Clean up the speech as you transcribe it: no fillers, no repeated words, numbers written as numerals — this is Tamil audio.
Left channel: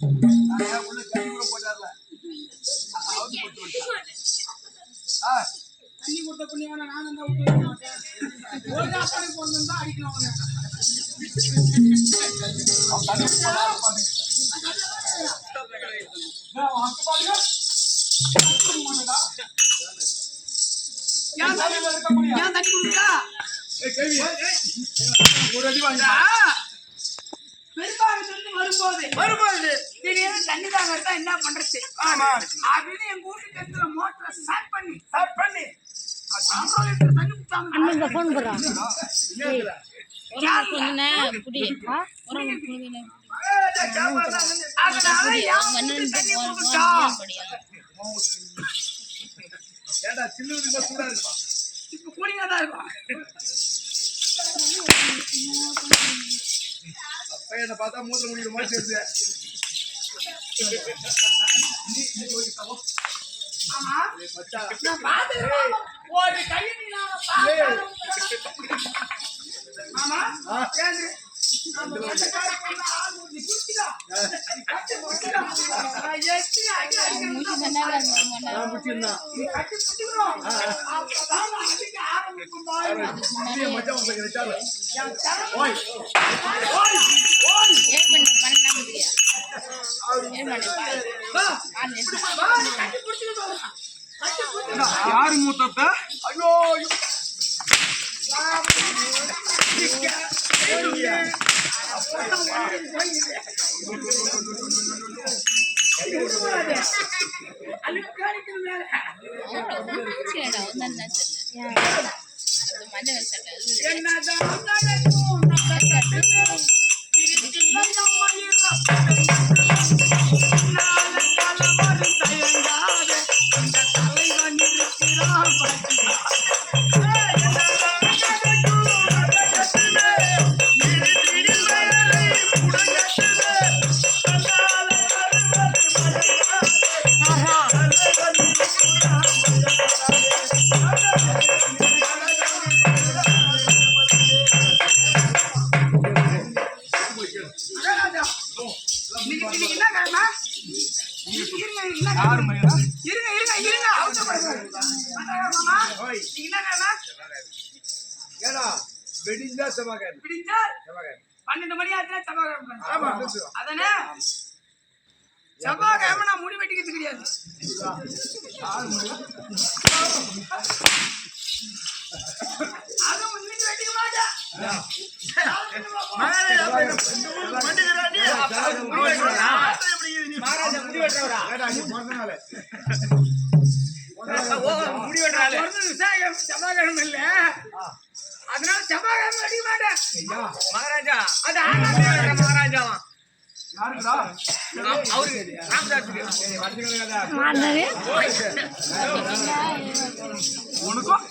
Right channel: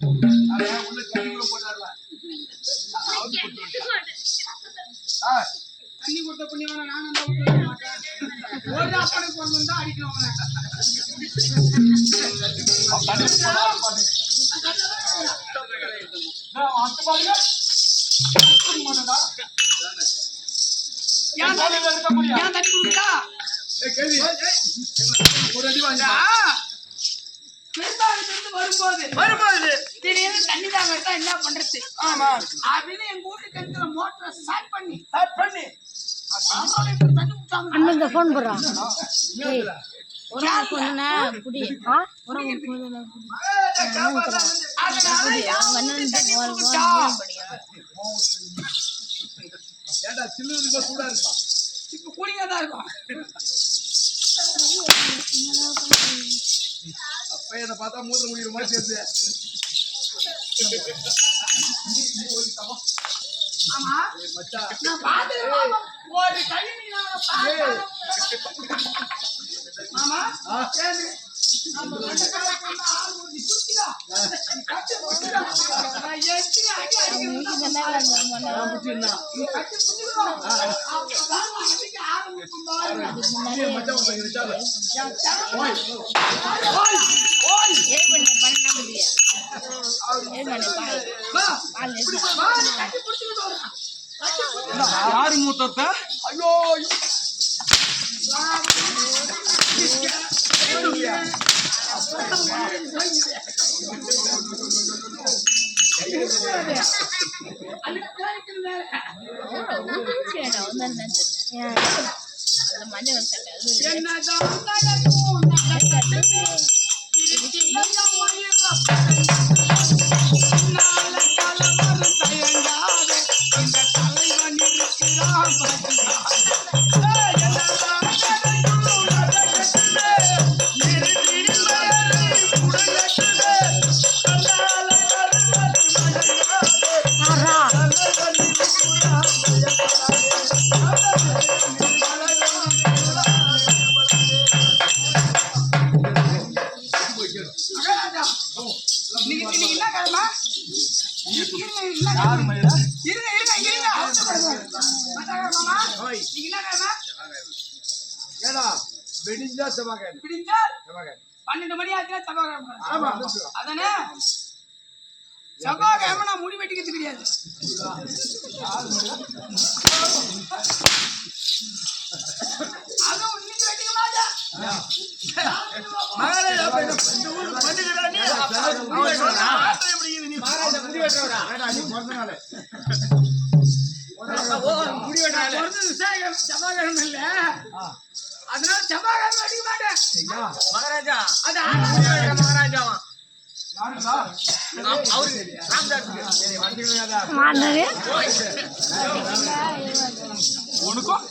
உள்ள தண்ணி கூட போட்டார்ல தண்ணி கொடுத்த புண்ணியவன நானும் தான் விட்டு வைக்க மாட்டேன். ஒரு அப்பனுக்கு பிறந்தா அடிக்கணும் அவனை. ஏன் தண்ணி கொடுக்கா? வரும்போது திடீர்னு தண்ணி தாங்க எடுத்தா என்ன பண்றது அப்படின்னு எங்க வீட்டு கிணத்துல மோட்டரை ஸ்டார்ட் பண்ணி தண்ணி குடிச்சாங்க. போன் போடுறான் இப்ப கூலிங்கா தான் இருக்கும். அப்ப பார்த்தா மூத்திர முடிக்கிற மாதிரி சேர்த்து ஒரு கை யாரு மூத்தப்ப? ஐயோ வெடிஞ்சா செவ்வாய்க்கிழமை. 12 மணி ஆச்சுன்னா செவ்வாய்க்கிழமை. அதானே செவ்வாய்க்கிழமை நான் முடி வெட்டிக்கிறது கிடையாது. அதுவும் இன்னைக்கு வெட்டிக்க மாட்டேன். செவ்வாய்க்கிழமை இல்ல, அதனால செவ்வாய்க்கிழமை வெட்டிக்க மாட்டேன். மகாராஜா அது மகாராஜாவா உனக்கும்